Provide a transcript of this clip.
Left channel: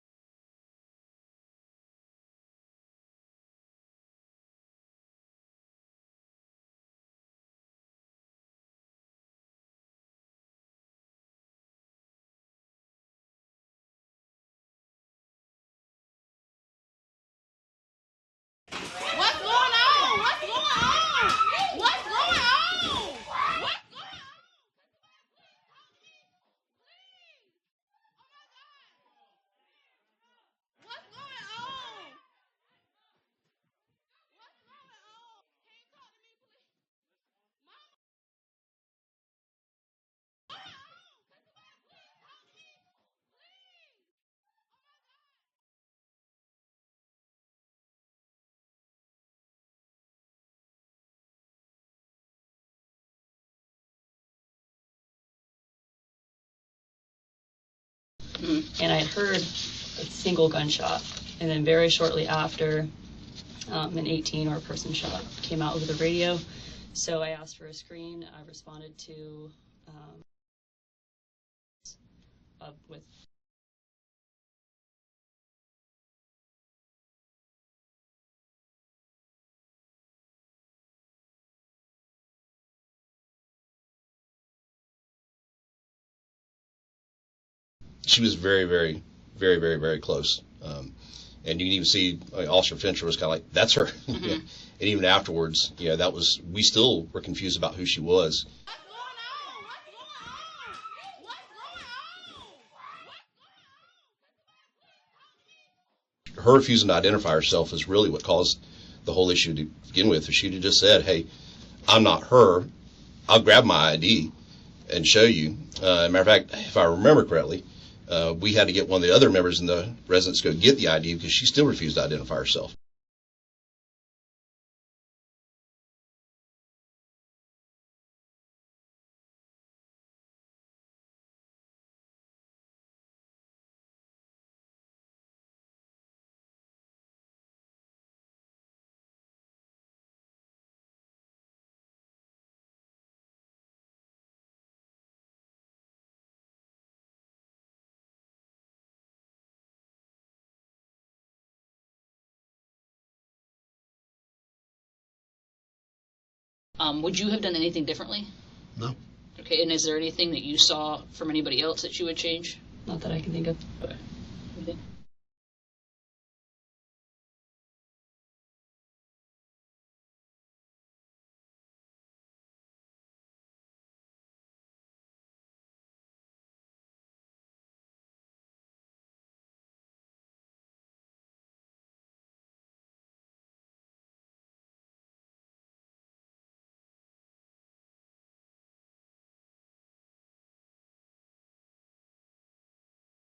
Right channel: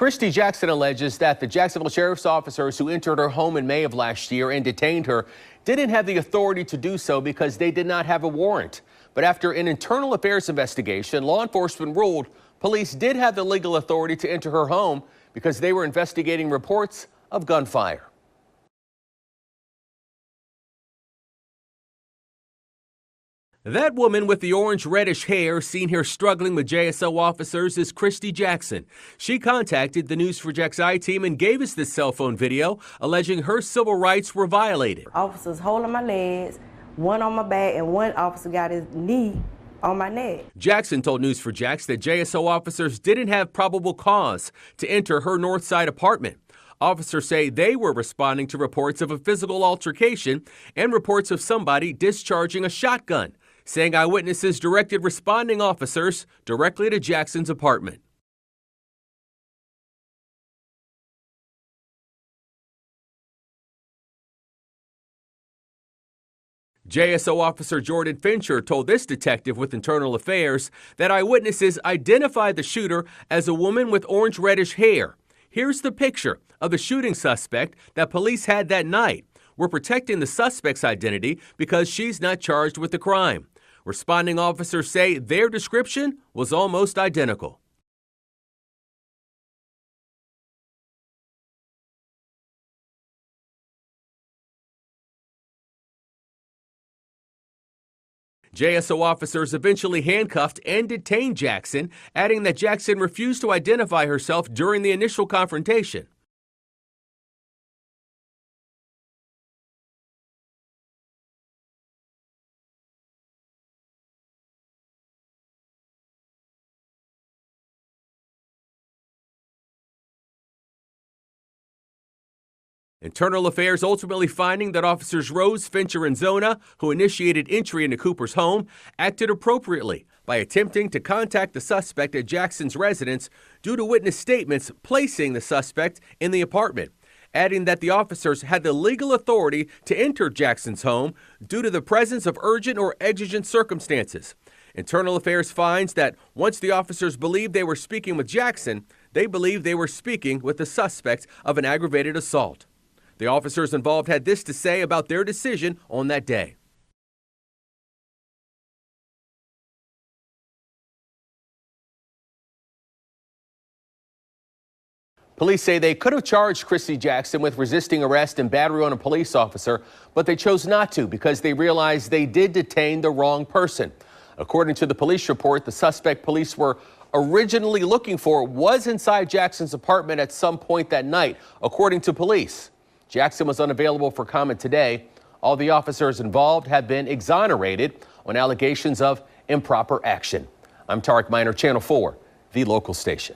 Christy Jackson alleges that the Jacksonville sheriff's officers who entered her home in May of last year and detained her didn't have the authority to do so because they did not have a warrant. But after an internal affairs investigation, law enforcement ruled police did have the legal authority to enter her home because they were investigating reports of gunfire. That woman with the orange-reddish hair seen here struggling with JSO officers is Christy Jackson. She contacted the News4JAX I-team and gave us this cell phone video alleging her civil rights were violated. Officers holding my legs, one on my back, and one officer got his knee on my neck. Jackson told News4JAX that JSO officers didn't have probable cause to enter her Northside apartment. Officers say they were responding to reports of a physical altercation and reports of somebody discharging a shotgun, saying eyewitnesses directed responding officers directly to Jackson's apartment. And I heard a single gunshot, and then very shortly after, an 18 or a person shot came out over the radio. JSO officer Jordan Fincher told this detective with Internal Affairs that eyewitnesses identified the shooter as a woman with orange-reddish hair. Here's the picture of the shooting suspect that police had that night. We're protecting the suspect's identity because she's not charged with the crime. Responding officers say their description was almost identical. She was very close. And you can even see Officer Fincher was kind of like, that's her. And even afterwards, we still were confused about who she was. JSO officers eventually handcuffed and detained Jackson, adding that Jackson refused to identify herself during the initial confrontation. Her refusing to identify herself is really what caused the whole issue to begin with. If she'd have just said, hey, I'm not her, I'll grab my ID and show you. Matter of fact, if I remember correctly, we had to get one of the other members in the residence to go get the ID because she still refused to identify herself. Internal Affairs ultimately finding that officers Rose, Fincher, and Zona, who initiated entry into Cooper's home, acted appropriately by attempting to contact the suspect at Jackson's residence due to witness statements placing the suspect in the apartment, adding that the officers had the legal authority to enter Jackson's home due to the presence of urgent or exigent circumstances. Internal Affairs finds that once the officers believed they were speaking with Jackson, they believed they were speaking with the suspect of an aggravated assault. The officers involved had this to say about their decision on that day. Would you have done anything differently? No. Okay, and is there anything that you saw from anybody else that you would change? Not that I can think of. Okay. Police say they could have charged Christy Jackson with resisting arrest and battery on a police officer, but they chose not to because they realized they did detain the wrong person. According to the police report, the suspect police were originally looking for was inside Jackson's apartment at some point that night, according to police. Jackson was unavailable for comment today. All the officers involved have been exonerated on allegations of improper action. I'm Tarek Miner, Channel 4, the local station.